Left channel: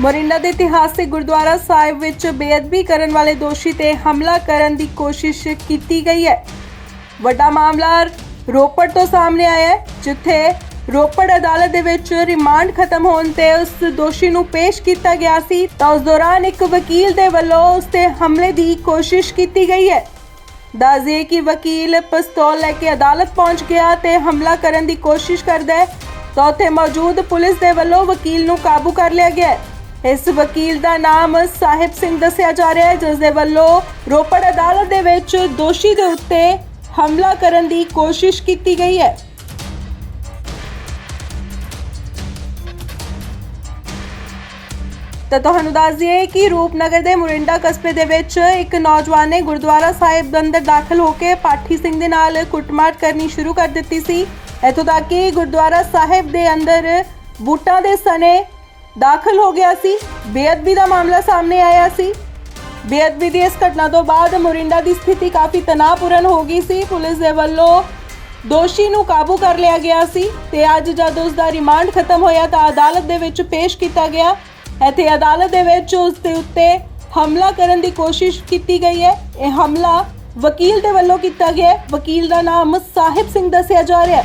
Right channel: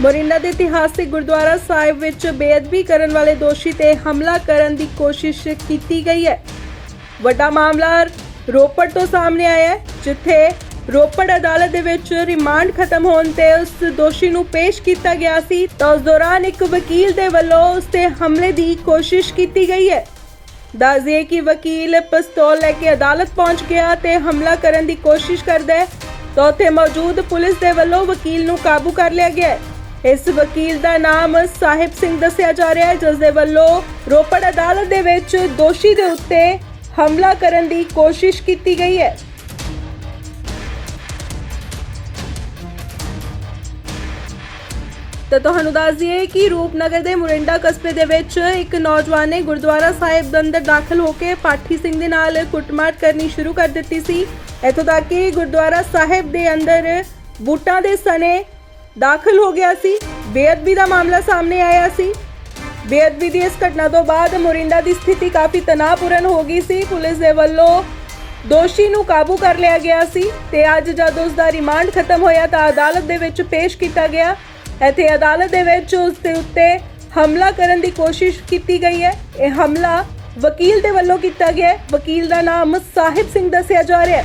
ਮੋਰਿੰਡਾ ਦੇ ਇਤਿਹਾਸਿਕ ਗੁਰਦੁਆਰਾ ਸਾਹਿਬ ਵਿੱਚ ਬੇਅਦਬੀ ਕਰਨ ਵਾਲੇ ਦੋਸ਼ੀ ਤੇ ਹਮਲਾ ਕਰਨ ਦੀ ਕੋਸ਼ਿਸ਼ ਕੀਤੀ ਗਈ ਹੈ। ਵੱਡਾ ਮਾਮਲਾ ਰੋਪੜ ਤੋਂ ਸਾਹਮਣੇ ਆਇਆ ਹੈ, ਜਿੱਥੇ ਰੋਪੜ ਅਦਾਲਤ ਦੇ ਵਿੱਚ ਰਿਮਾਂਡ ਖਤਮ ਹੋਣ ਤੇ ਉਸ ਦੋਸ਼ੀ ਨੂੰ ਪੇਸ਼ ਕੀਤਾ ਗਿਆ ਸੀ। ਤਾਂ ਉਸ ਦੌਰਾਨ ਇੱਕ ਵਕੀਲ ਦੇ ਵੱਲੋਂ ਉਸ ਤੇ ਹਮਲੇ ਦੀ ਕੋਸ਼ਿਸ਼ ਕੀਤੀ ਗਈ ਹੈ। ਦੱਸਦੇ ਕਿ ਵਕੀਲ ਪਿਸਤੌਲ ਲੈ ਕੇ ਅਦਾਲਤ ਪਹੁੰਚ ਗਿਆ ਤੇ ਹਮਲਾ ਕਰਨ ਦੀ ਕੋਸ਼ਿਸ਼ ਕਰਦਾ ਹੈ। ਤਾਂ ਉੱਥੇ ਮੌਜੂਦ ਪੁਲਿਸ ਦੇ ਵੱਲੋਂ ਵਕੀਲ ਨੂੰ ਕਾਬੂ ਕਰ ਲਿਆ ਗਿਆ ਹੈ। ਇਸ ਵਕੀਲ ਦਾ ਨਾਮ ਸਾਹਿਬ ਸਿੰਘ ਦੱਸਿਆ ਜਾ ਰਿਹਾ ਹੈ, ਜਿਸ ਦੇ ਵੱਲੋਂ ਰੋਪੜ ਅਦਾਲਤ ਦੇ ਵਿੱਚ ਦੋਸ਼ੀ ਦੇ ਉੱਤੇ ਹਮਲਾ ਕਰਨ ਦੀ ਕੋਸ਼ਿਸ਼ ਕੀਤੀ ਗਈ ਹੈ। ਤਾਂ ਤੁਹਾਨੂੰ ਦੱਸ ਦਈਏ ਕਿ ਰੂਪਨਗਰ ਦੇ ਮੁਰਿੰਡਾ ਕਸਬੇ ਦੇ ਵਿੱਚ ਇੱਕ ਨੌਜਵਾਨ ਨੇ ਗੁਰਦੁਆਰਾ ਸਾਹਿਬ ਦੇ ਅੰਦਰ ਦਾਖਲ ਹੋ ਕੇ ਪਾਠੀ ਸਿੰਘ ਦੇ ਨਾਲ ਕੁੱਟਮਾਰ ਕਰਨੀ ਸ਼ੁਰੂ ਕਰ ਦਿੱਤੀ ਸੀ। ਇੱਥੋਂ ਤੱਕ ਕਿ ਗੁਰਦੁਆਰਾ ਸਾਹਿਬ ਦੇ ਅੰਦਰ ਬੂਟਾਂ ਦੇ ਸਨੇ ਦਾਖਲ ਹੋ ਗਿਆ ਸੀ। ਬੇਅਦਬੀ ਦਾ ਮਾਮਲਾ ਸਾਹਮਣੇ ਆਇਆ ਸੀ। ਬੇਅਦਬੀ ਦੀ ਇਸ ਘਟਨਾ ਤੋਂ ਬਾਅਦ ਮੋਰਿੰਡਾ ਦੀ ਸਥਿਤੀ ਕਾਫੀ ਤਣਾਅਪੂਰਨ ਹੋ ਗਈ ਸੀ। ਪੁਲਿਸ ਦੇ ਵੱਲੋਂ ਦੋਸ਼ੀ ਨੂੰ ਕਾਬੂ ਕਰ ਲਿਆ ਗਿਆ ਸੀ ਤੇ ਅੱਜ ਜਦ ਉਸ ਦਾ ਰਿਮਾਂਡ ਖਤਮ ਹੋਇਆ ਤਾਂ ਅਦਾਲਤ ਦੇ ਵਿੱਚ ਪੇਸ਼ ਕੀਤਾ ਗਿਆ। ਇੱਥੇ ਅਦਾਲਤ ਦੇ ਵਿੱਚ ਉਸ ਦੇ ਉੱਤੇ ਹਮਲਾ ਕਰਨ ਦੀ ਕੋਸ਼ਿਸ਼ ਕੀਤੀ ਗਈ ਹੈ। ਇਹ ਹਮਲਾ ਵਕੀਲ ਦੇ ਵੱਲੋਂ ਕੀਤਾ ਗਿਆ ਹੈ। ਵਕੀਲ ਦਾ ਨਾਮ ਸਾਹਿਬ ਸਿੰਘ ਦੱਸਿਆ ਜਾ ਰਿਹਾ ਹੈ।